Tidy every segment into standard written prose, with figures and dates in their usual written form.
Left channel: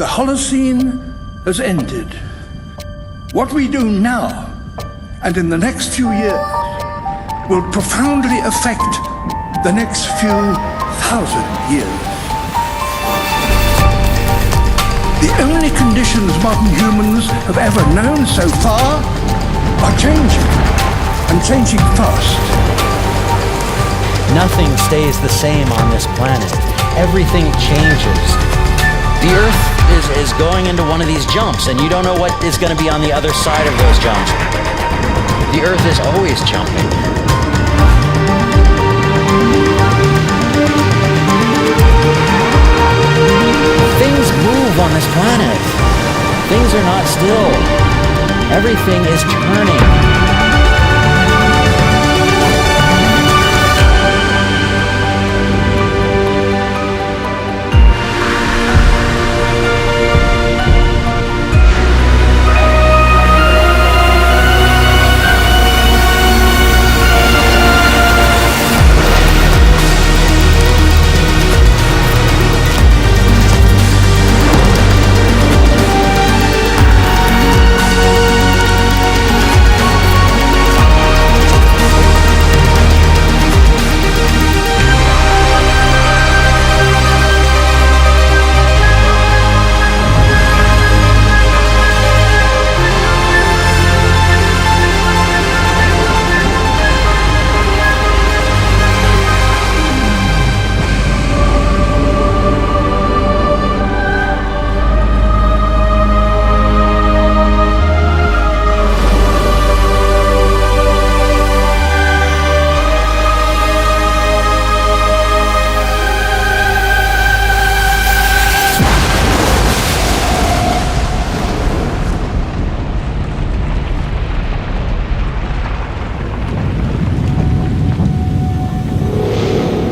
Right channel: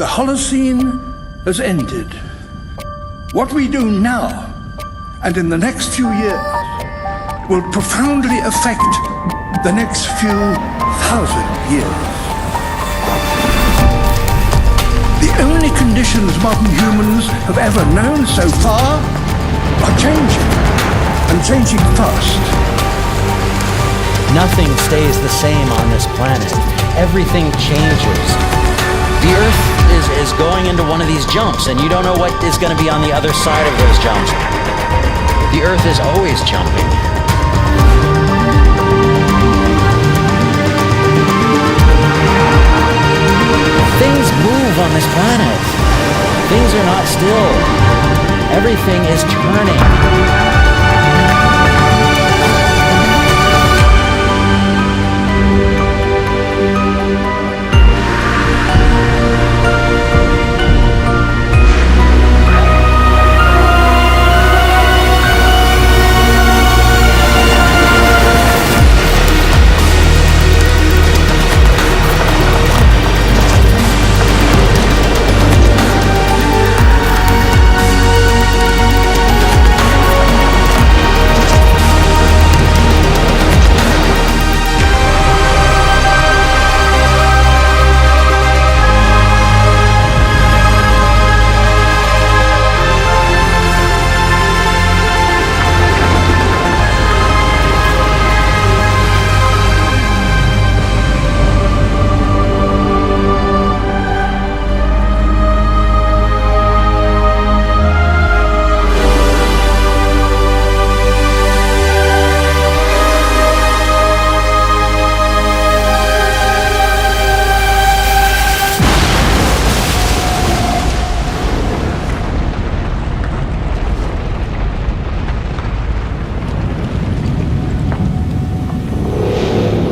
The Holocene has ended. What we do now and in the next few years will profoundly affect the next few thousand years. The only conditions modern humans have ever known so far are changing, and changing fast. Nothing stays the same on this planet. Everything changes. The Earth is going into one of these jumps, and you don't know what is going to be on the other side of those jumps. The Earth is always jumping. Things move on this planet. Things are not still. Everything is turning.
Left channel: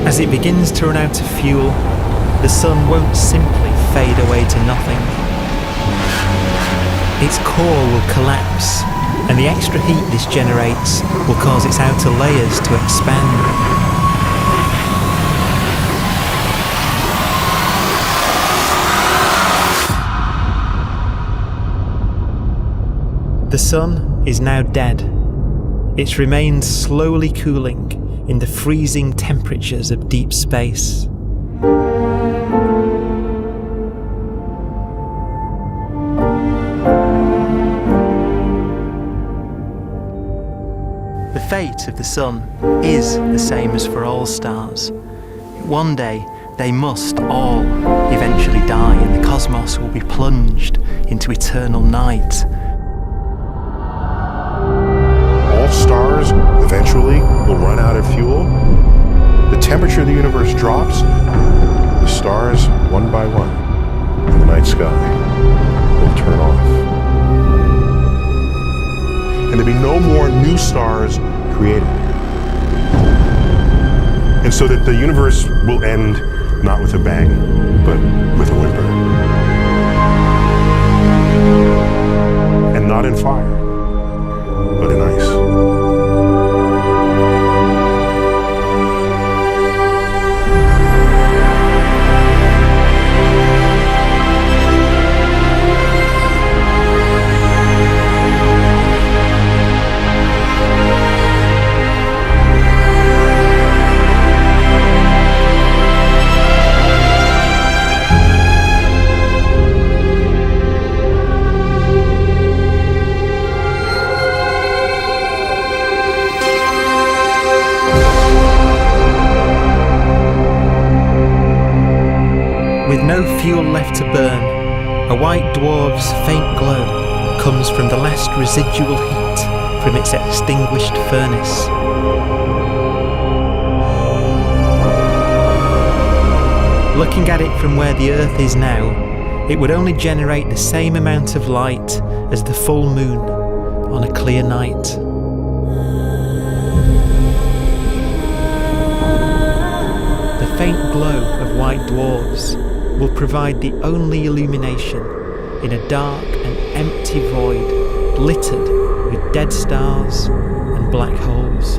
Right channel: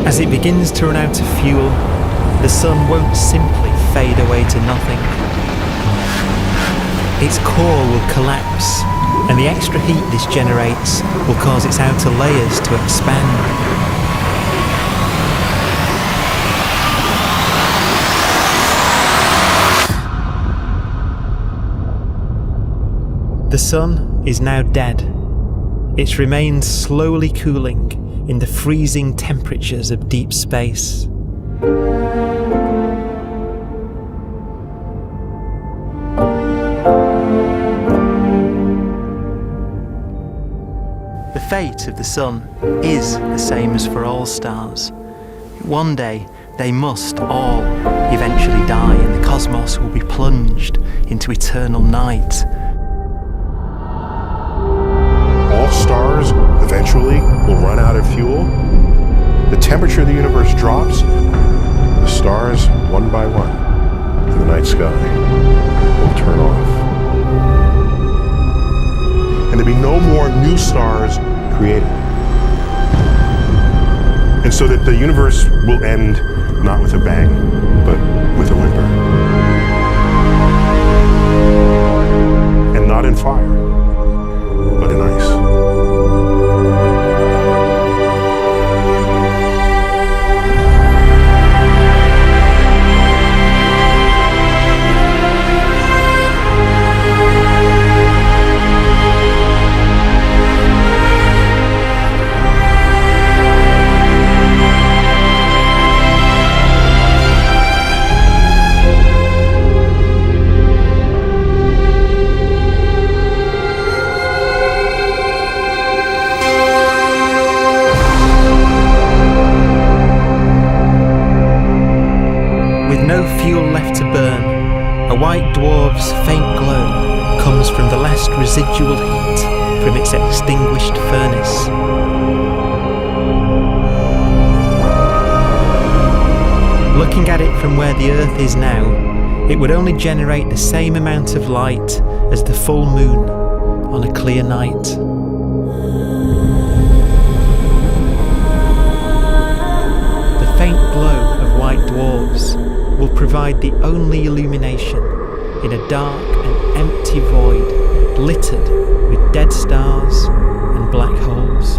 As it begins to run out of fuel, the sun won't simply fade away to nothing. Its core will collapse, and the extra heat this generates will cause its outer layers to expand. The sun is now dead. Its remains slowly cooling in the freezing temperatures of deep space. The fate of the sun is the same as for all stars. One day they must all eventually die, and the cosmos will be plunged into eternal night. All stars eventually will run out of fuel. The temperature of the universe drops. The stars, one by one, in the night sky will turn off. And there'll be no more new stars created. And so that the universe will end not with a bang, but with a whimper. And not in fire, but in ice. With no fuel left to burn, a white dwarf's faint glow comes from the last residual heat from its extinguished furnace. Looking at it from where the Earth is now, it would only generate the same amount of light as the full moon on a clear night. The faint glow of white dwarfs will provide the only illumination in a dark and empty void littered with dead stars and black holes.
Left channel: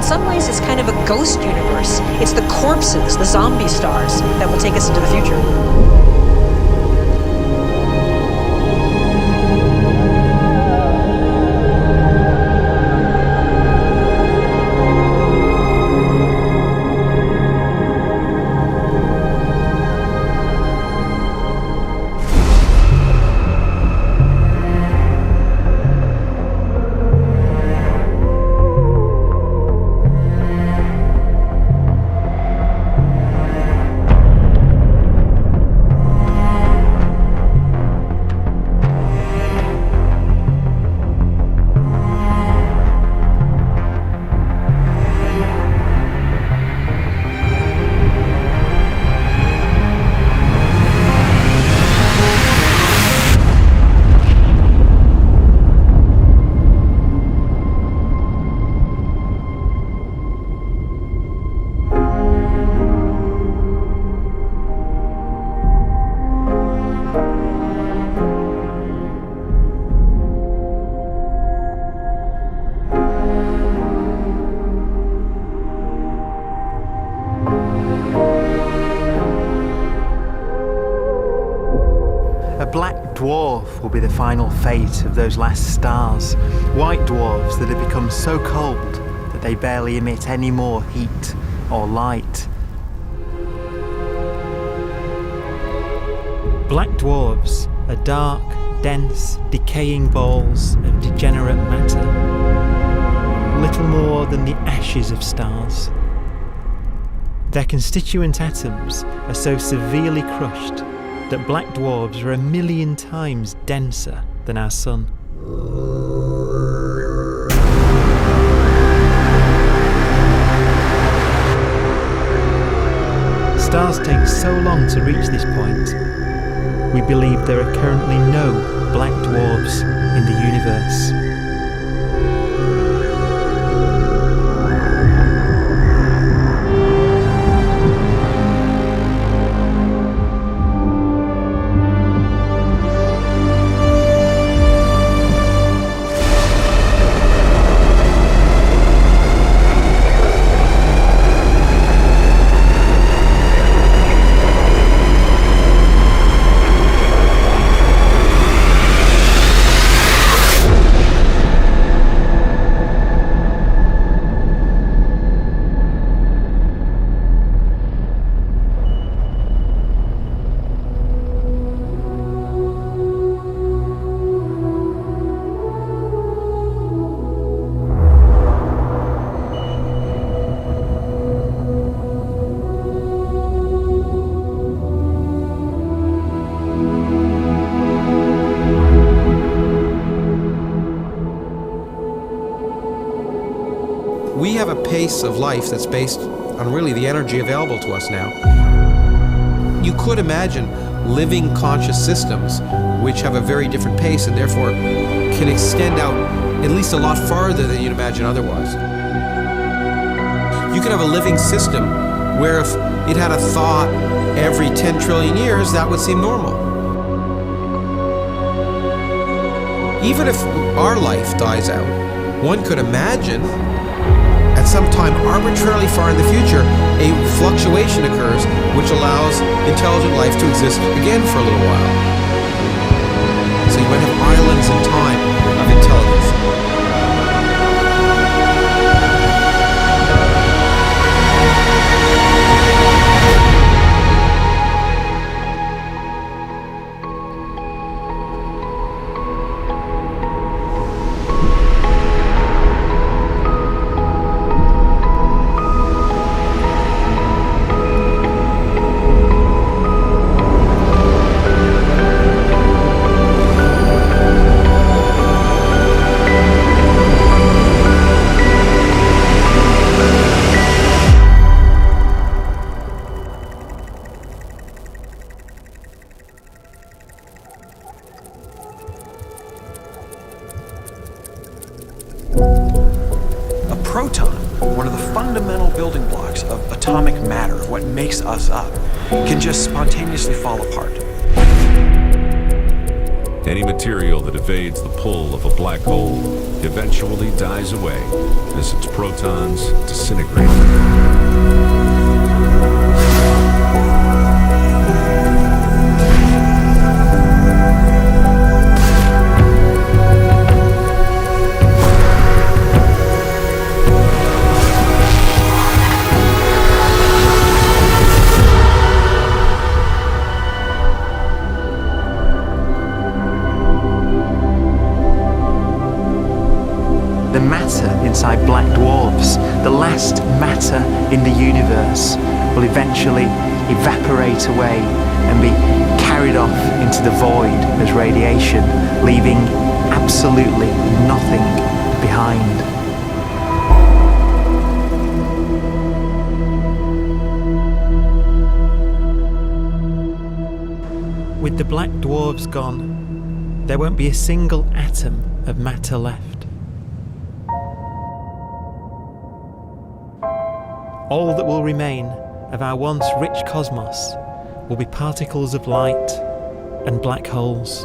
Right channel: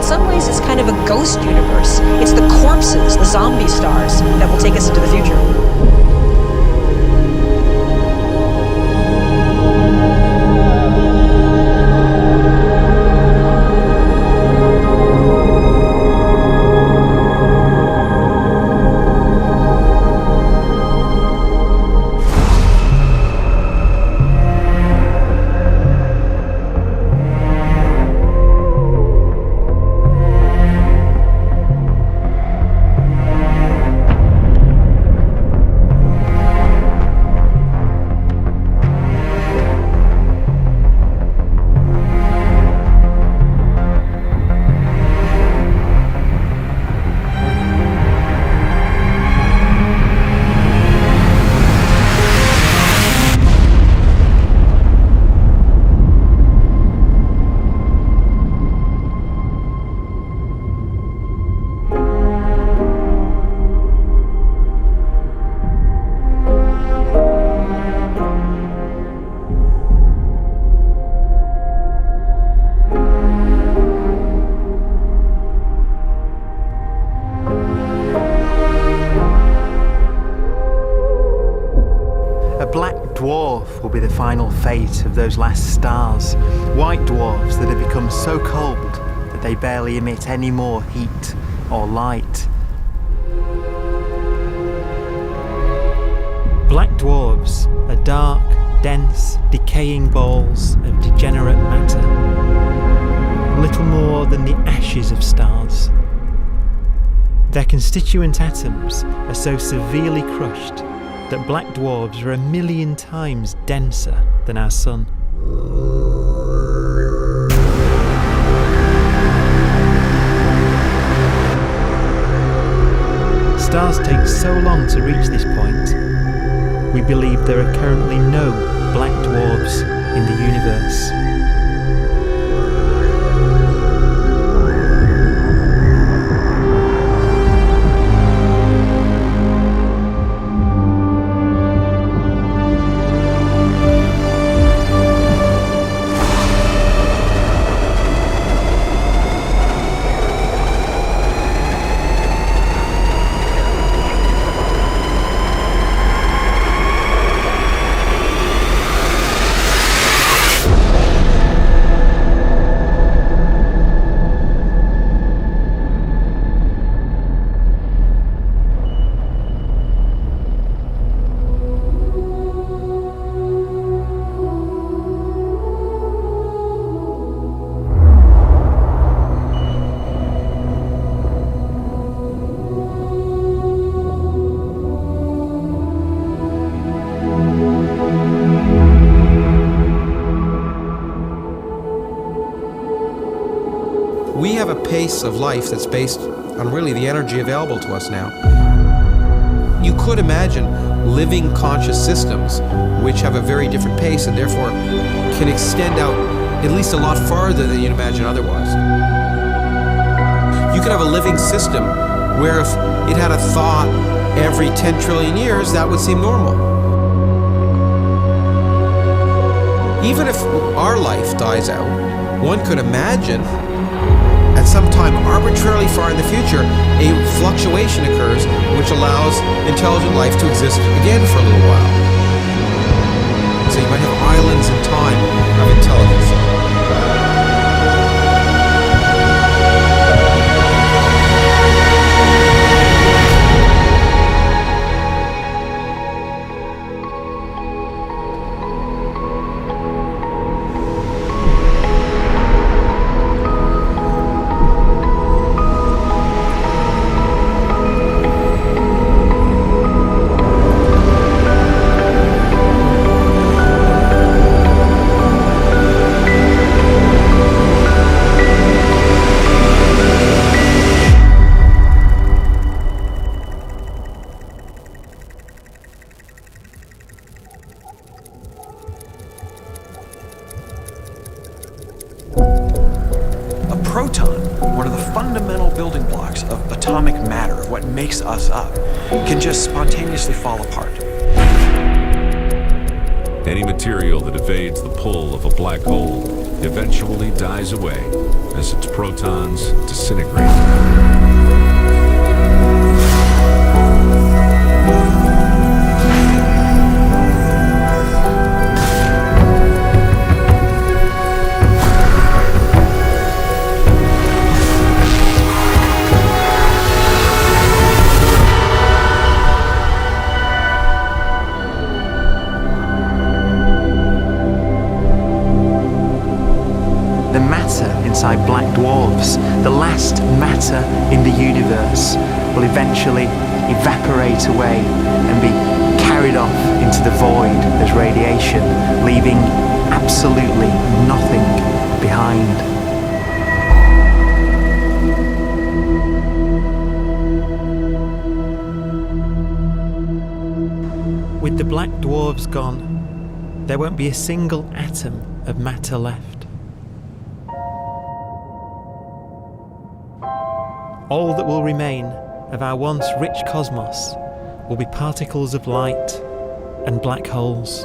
in some ways, it's kind of a ghost universe. It's the corpses, the zombie stars, that will take us into the future. A black dwarf will be the final fate of those last stars. White dwarfs that have become so cold that they barely emit any more heat or light. Black dwarfs are dark, dense, decaying balls of degenerate matter. Little more than the ashes of stars. Their constituent atoms are so severely crushed that black dwarfs are 1,000,000 times denser than our sun. Stars take so long to reach this point. We believe there are currently no black dwarfs in the universe. We have a pace of life that's based on really the energy available to us now. You could imagine living conscious systems which have a very different pace and therefore can extend out at least a lot farther than you'd imagine otherwise. You could have a living system where if it had a thought every 10 trillion years, that would seem normal. Even if our life dies out, one could imagine at some time arbitrarily far in the future, a fluctuation occurs which allows intelligent life to exist again for a little while. So you might have islands in time of intelligence. Proton, one of the fundamental building blocks of atomic matter, of what makes us up, can just spontaneously fall apart. Any material that evades the pull of a black hole eventually dies away as its protons disintegrate. The matter inside black dwarfs, the last matter in the universe, will eventually evaporate away and be carried off into the void as radiation, leaving absolutely nothing behind. With the black dwarfs gone, there won't be a single atom of matter left. All that will remain of our once rich cosmos will be particles of light and black holes.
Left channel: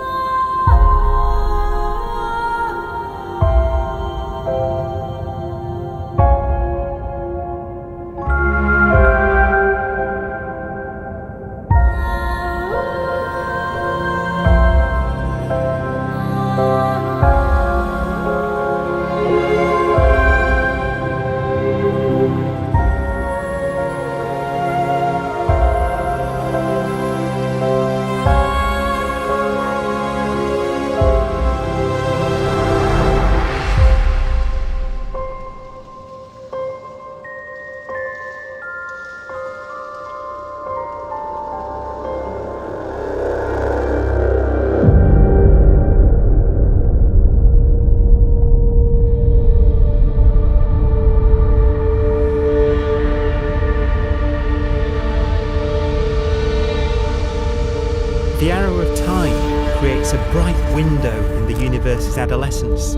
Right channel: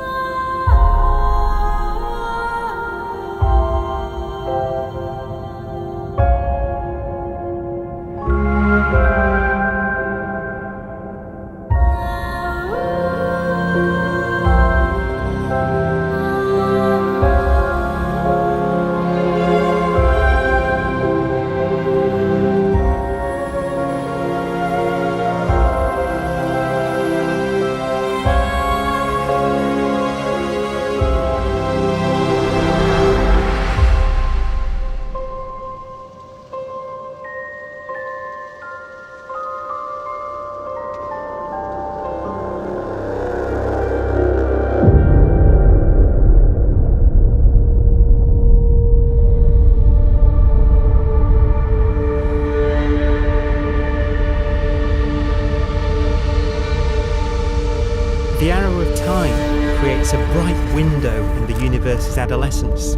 The arrow of time creates a bright window in the universe's adolescence,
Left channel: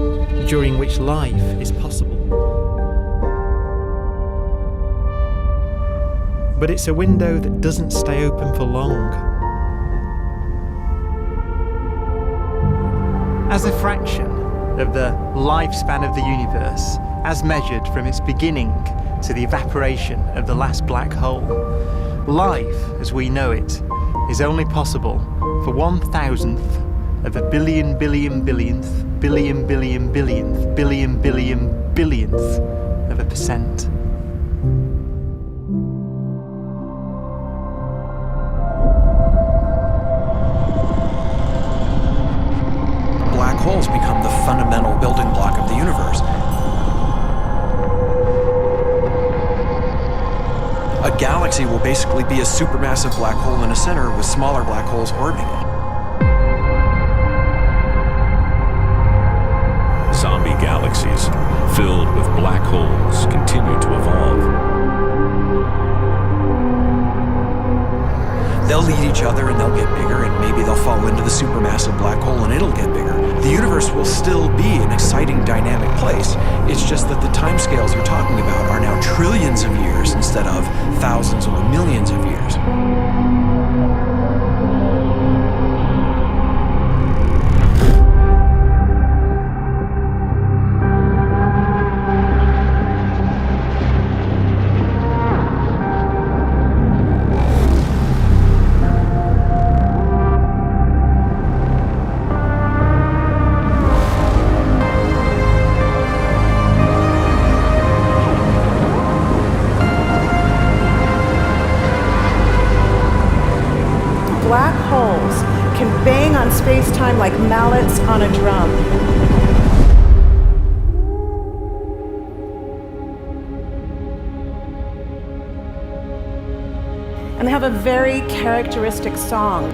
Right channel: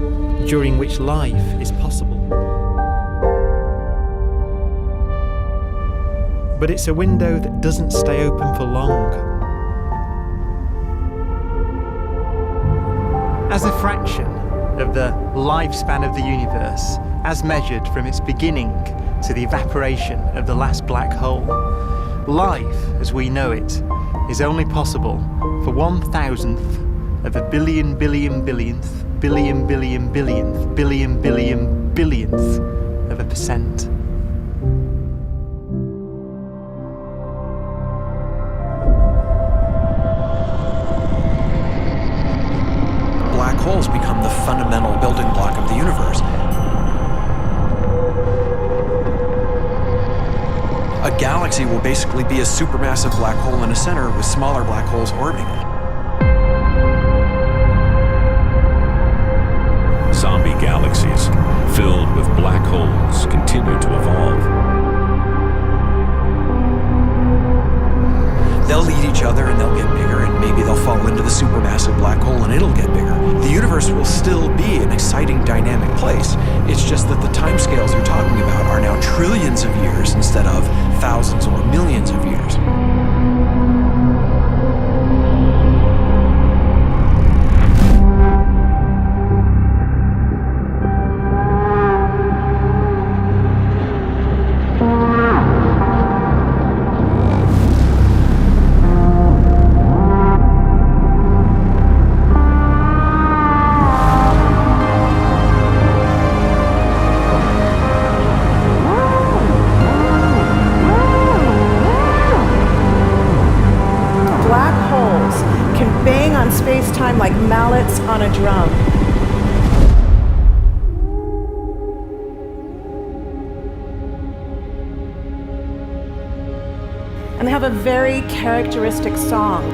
during which life is possible. But it's a window that doesn't stay open for long. As a fraction of the lifespan of the universe, as measured from its beginning to the evaporation of the last black hole, life, as we know it, is only possible for 1,000th of a billion billionth billion billion billionth billion billion billionth of a percent. Black holes become the fundamental building block of the universe. A galaxy will basically be a supermassive black hole in a center with smaller black holes orbiting it. Zombie galaxies filled with black holes continue to evolve. They'll eat each other and they'll get bigger, and maybe they'll fall into the supermassive black hole and it'll get bigger. The universe will still be an exciting, dynamic place. It's just that the timescales you're talking about are now trillions of years instead of thousands or millions of years. Black holes can bang on space-time like mallets on a drum. And they have a very characteristic song.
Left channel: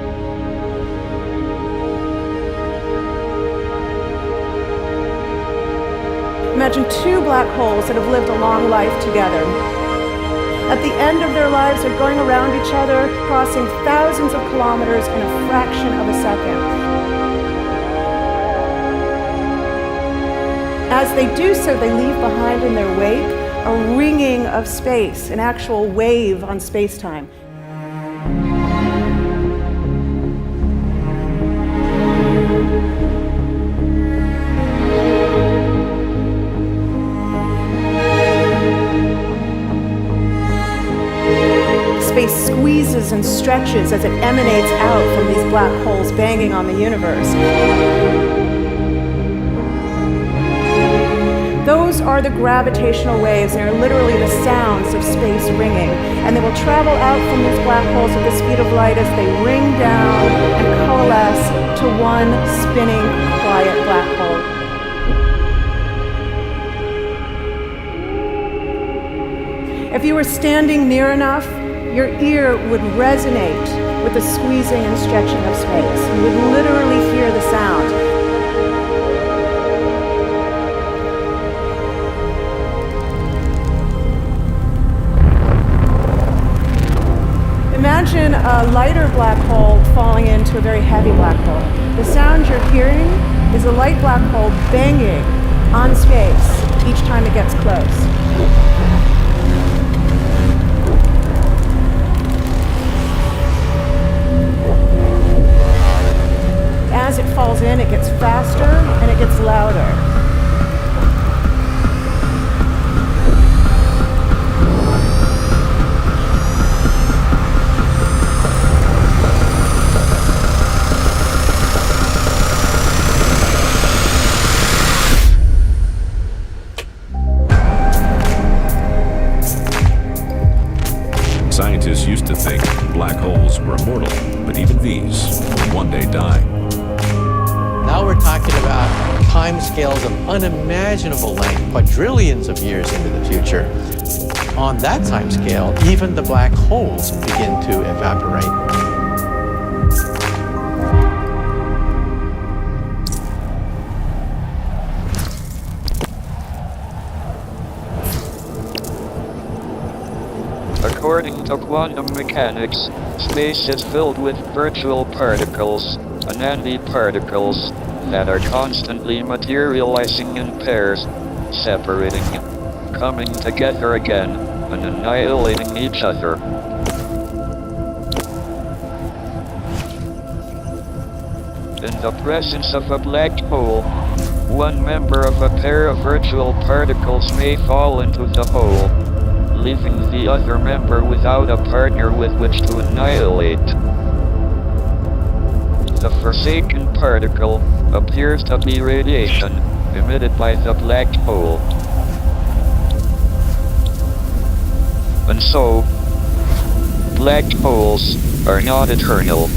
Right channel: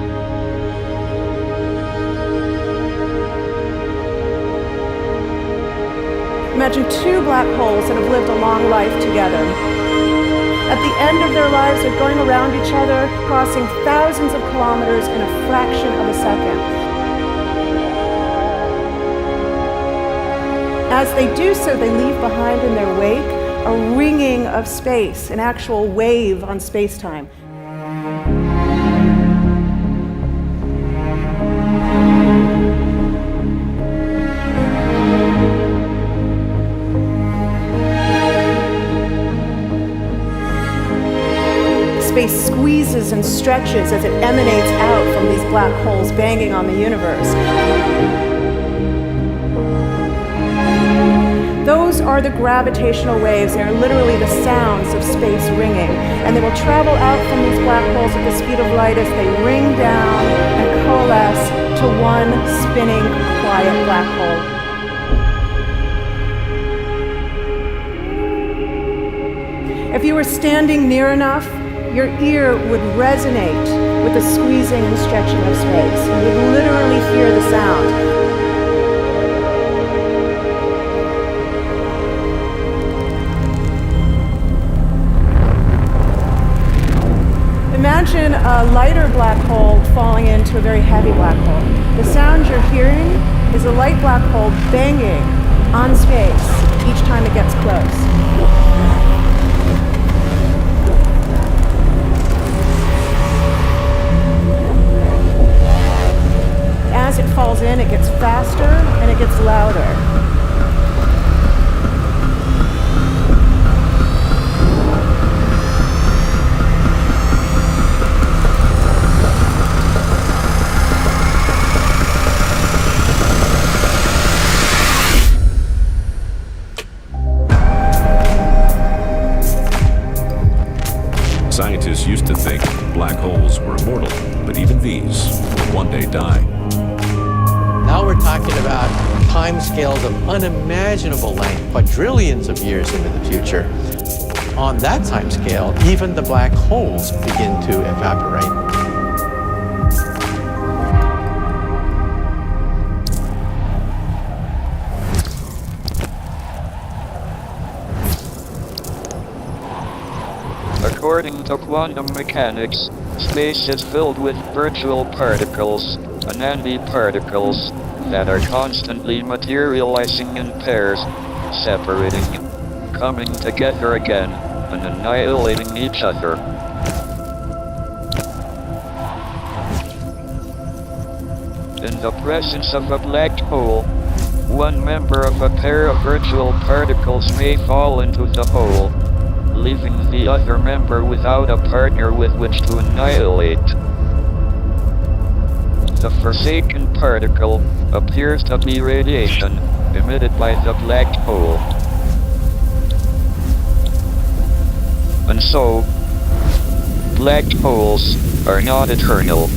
Imagine two black holes that have lived a long life together. At the end of their lives, they're going around each other, crossing thousands of kilometers in a fraction of a second. As they do so, they leave behind in their wake a ringing of space, an actual wave on space-time. squeezes and stretches as it emanates out from these black holes banging on the universe. Those are the gravitational waves. They are literally the sounds of space ringing. And they will travel out from these black holes at the speed of light as they ring down and coalesce to one spinning, quiet black hole. If you were standing near enough, your ear would resonate with the squeezing and stretching of space. You would literally hear the sound. Imagine a lighter black hole falling into a very heavy black hole. The sound you're hearing is a light black hole banging on space each time it gets close. As it falls in, it gets faster and it gets louder. Scientists used to think black holes were immortal, but even these will one day die. Now we're talking about timescales of unimaginable length, quadrillions of years into the future. On that timescale, even the black holes begin to evaporate. According to quantum mechanics, space is filled with virtual particles, antiparticles, that are constantly materializing in pairs, separating, coming together again, and annihilating each other. In the presence of a black hole, one member of a pair of virtual particles may fall into the hole, leaving the other member without a partner with which to annihilate. The forsaken particle appears to be radiation emitted by the black hole. And so, black holes are not eternal.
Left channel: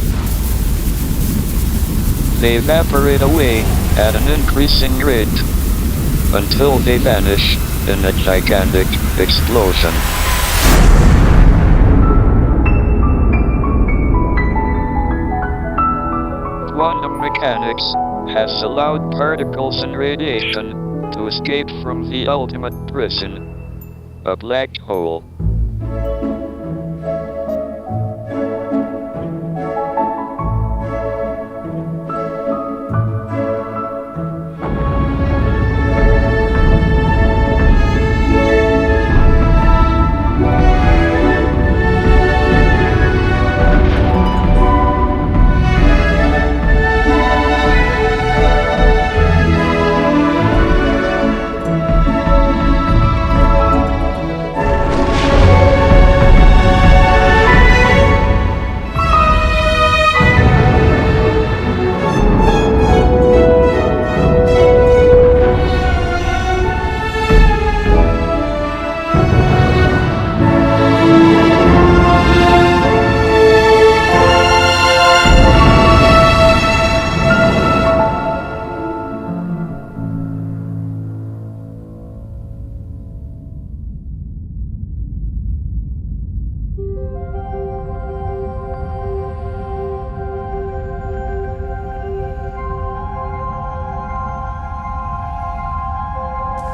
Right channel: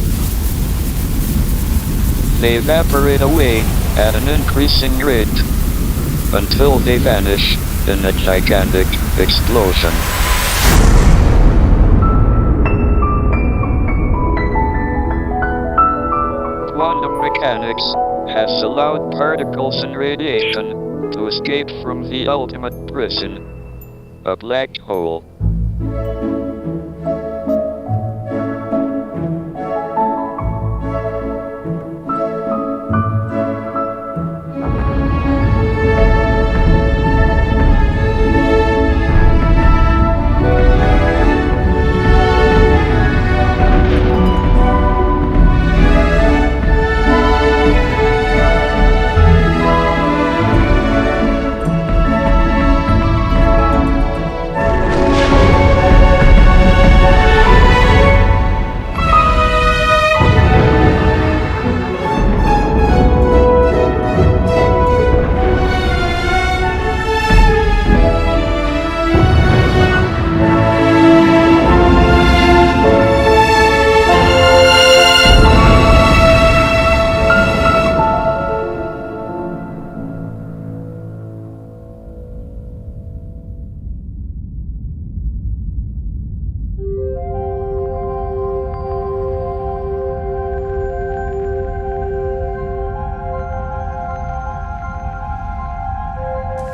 They evaporate away at an increasing rate until they vanish in a gigantic explosion. Quantum mechanics has allowed particles and radiation to escape from the ultimate prison, a black hole.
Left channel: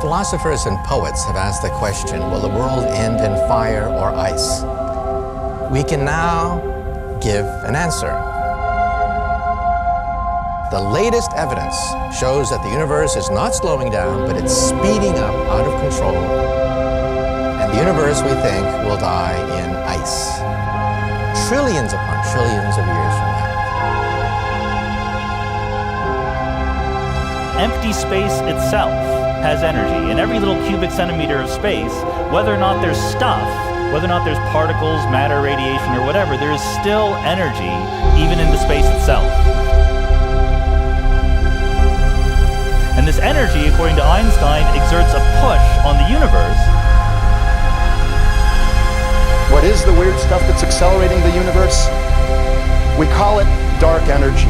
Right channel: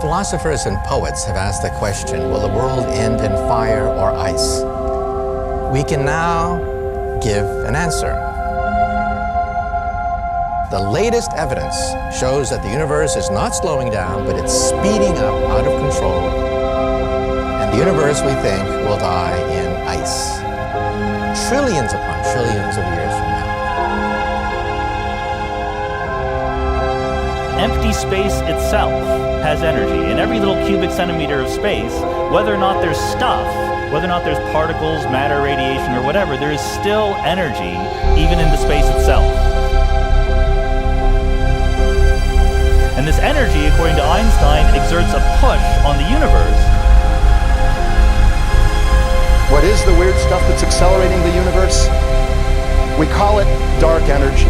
Philosophers and poets have asked the question, will the world end in fire or ice? We can now give an answer. The latest evidence shows that the universe is not slowing down, but it's speeding up out of control. And the universe, we think, will die in ice. Trillions upon trillions of years from now. Empty space itself has energy. In every little cubic centimeter of space, whether or not there's stuff whether or not there's particles, matter, radiation, or whatever, there is still energy, even in the space itself. And this energy, according to Einstein, exerts a push on the universe. What is the weird stuff that's accelerating the universe? We call it dark energy.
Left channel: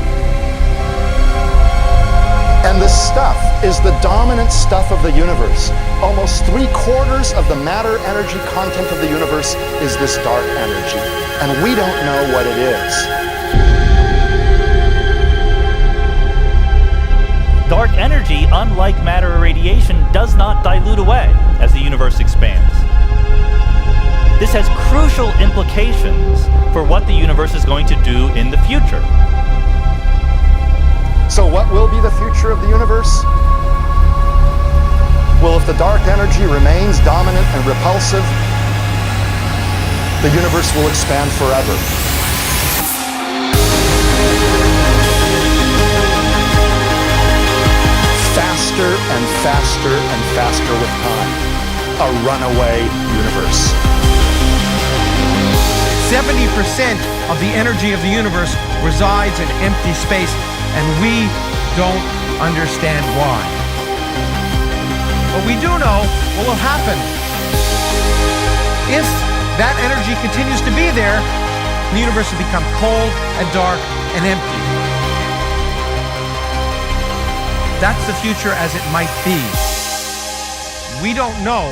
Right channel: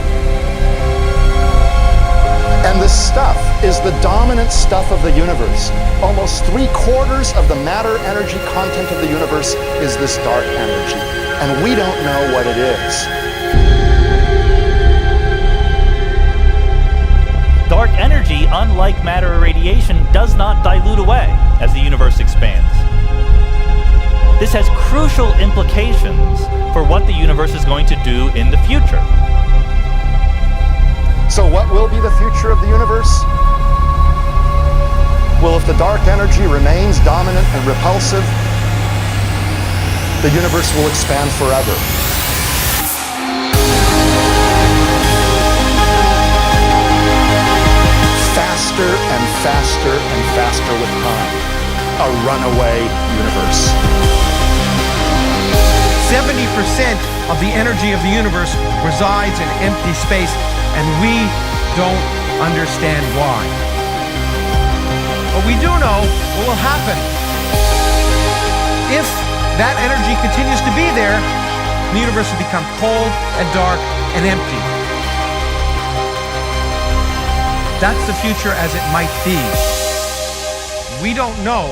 And this stuff is the dominant stuff of the universe. Almost 3/4 of the matter-energy content of the universe is this dark energy. And we don't know what it is. Dark energy, unlike matter or radiation, does not dilute away as the universe expands. This has crucial implications for what the universe is going to do in the future. So what will be the future of the universe? Well, if the dark energy remains dominant and repulsive, the universe will expand forever. Faster and faster and faster with time. A runaway universe. 70% of the energy of the universe resides in empty space, and we don't understand why. But we do know what will happen. If that energy continues to be there, the universe will become cold and dark and empty. That's the future as it might be. We don't know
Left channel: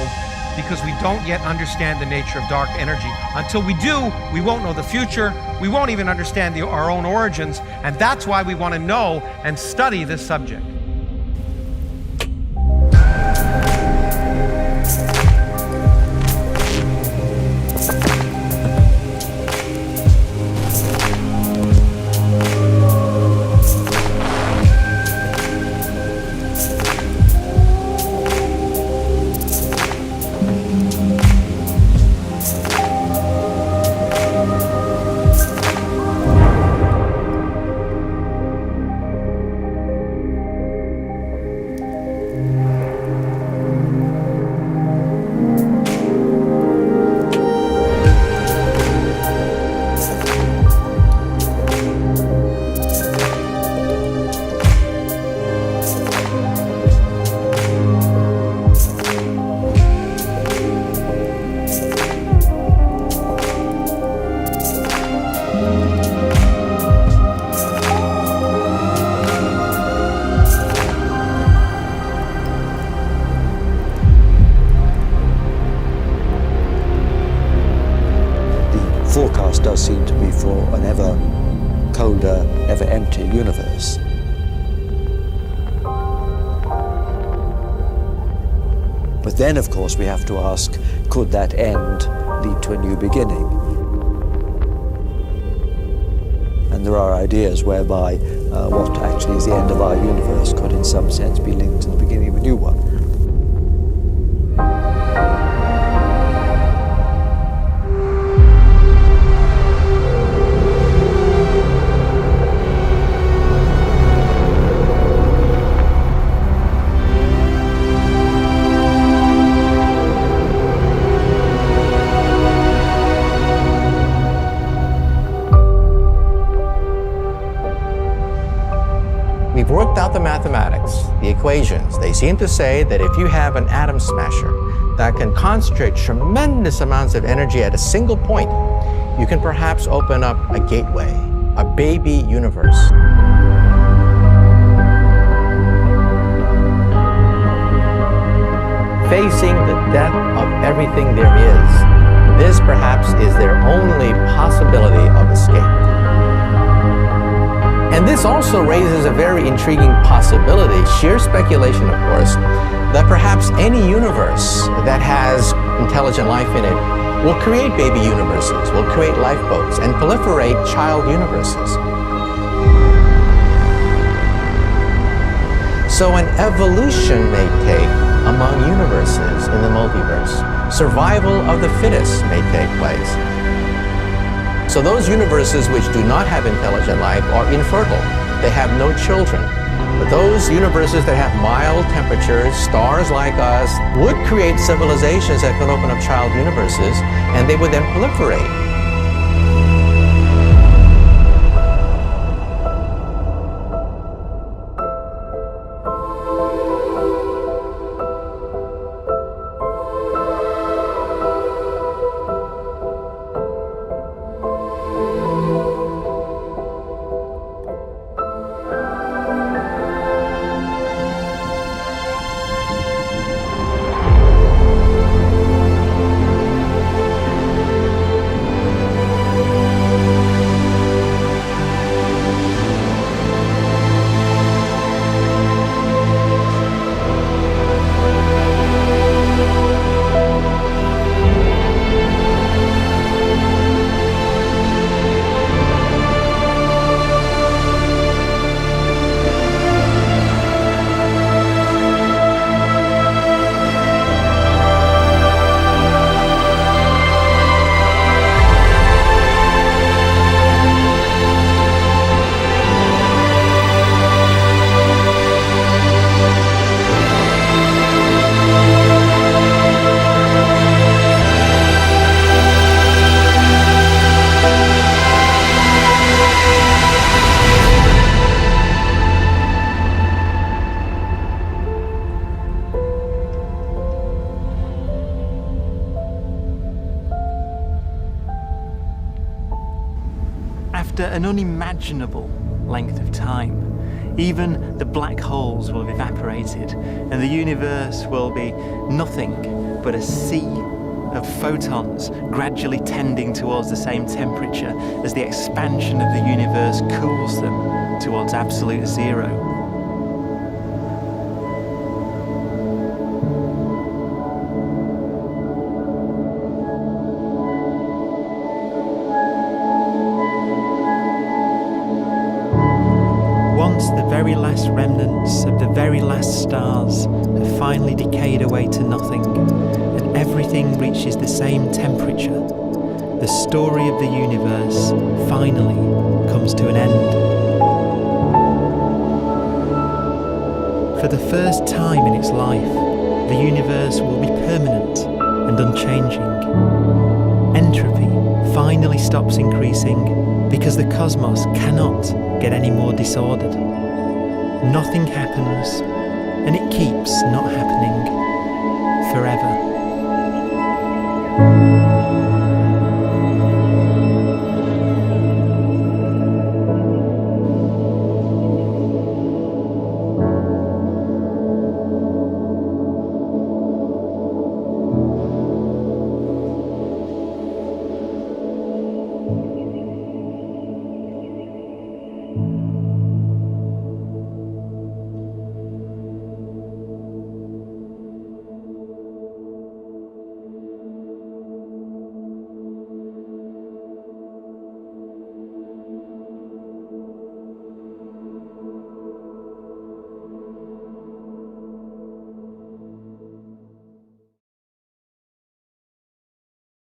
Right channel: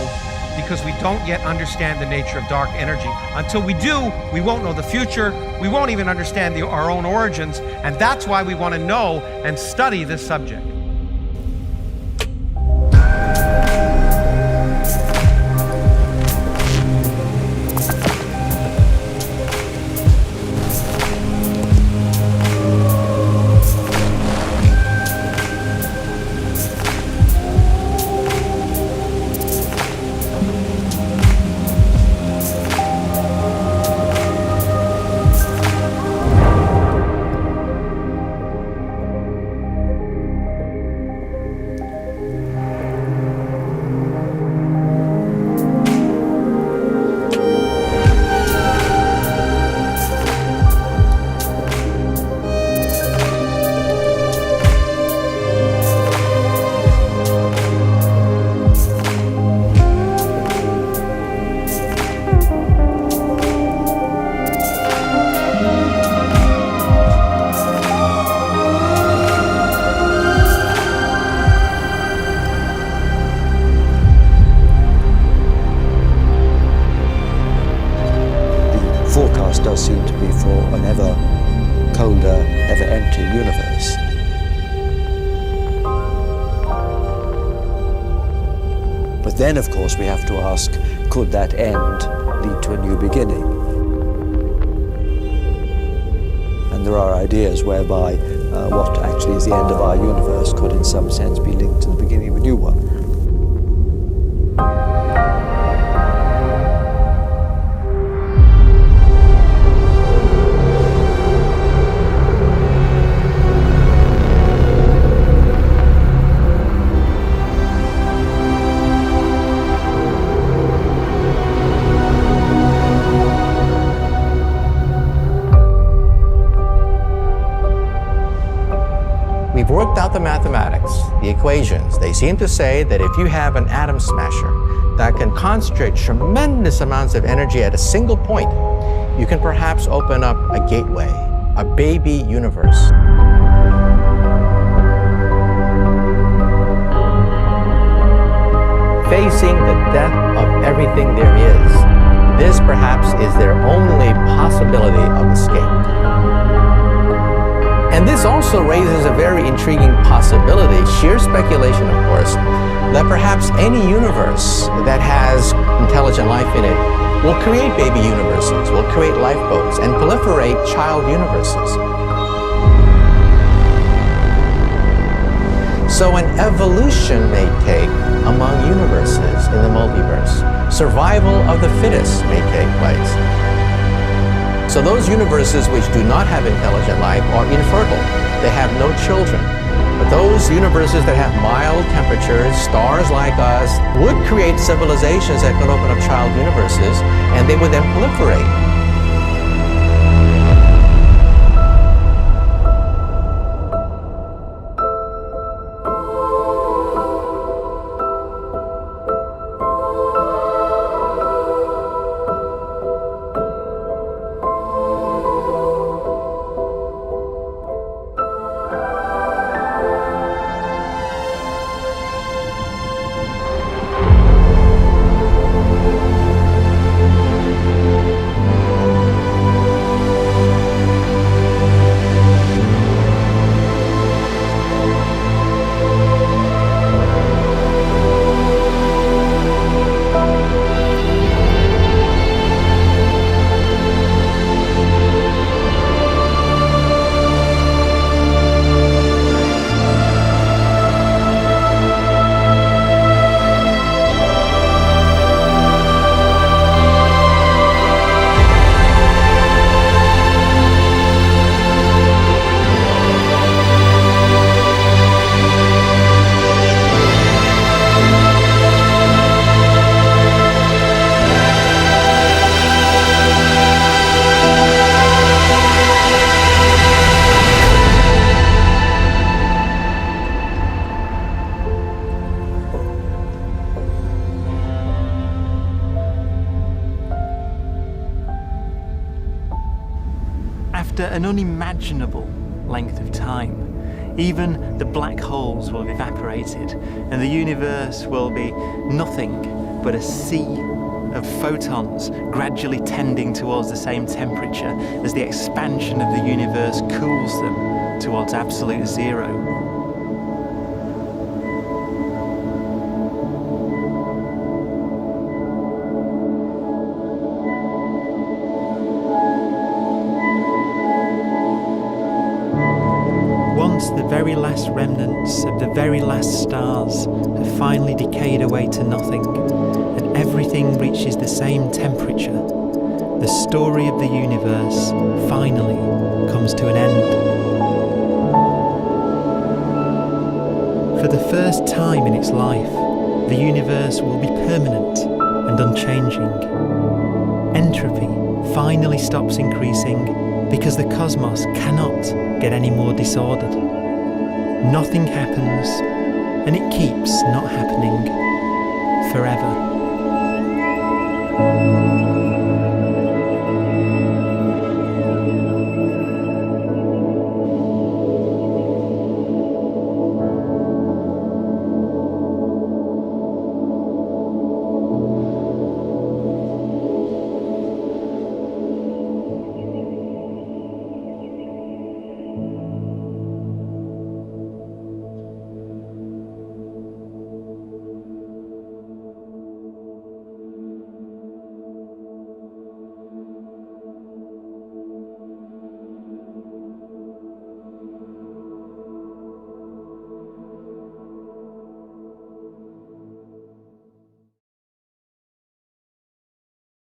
because we don't yet understand the nature of dark energy. Until we do, we won't know the future. We won't even understand our own origins, and that's why we want to know and study this subject. Forecast does seem to be for an ever colder, ever emptier universe. But then, of course, we have to ask, could that end lead to a new beginning? And there are ideas whereby what actually is the end of our universe could in some sense be linked to the beginning of a new one. We've worked out the mathematics, the equations. They seem to say that if you have an atom smasher that can concentrate tremendous amounts of energy at a single point, you can perhaps open up a gateway, a baby universe. Facing the death of everything there is, this perhaps is their only possibility of escape. And this also raises a very intriguing possibility, sheer speculation of course, that perhaps any universe that has intelligent life in it will create baby universes, will create lifeboats, and proliferate child universes. So an evolution may take among universes in the multiverse. Survival of the fittest may take place. So those universes which do not have intelligent life are infertile. They have no children. But those universes that have mild temperatures, stars like us, would create civilizations that could open up child universes, and they would then proliferate. After an unimaginable length of time, even the black holes will have evaporated, and the universe will be nothing but a sea of photons gradually tending towards the same temperature as the expansion of the universe cools them towards absolute zero. Once the very last remnants of the very last stars have finally decayed away to nothing, and everything reaches the same temperature, the story of the universe finally comes to an end. For the first time in its life, the universe will be permanent and unchanging. Entropy finally stops increasing because the cosmos cannot get any more disordered. Nothing happens, and it keeps not happening forever.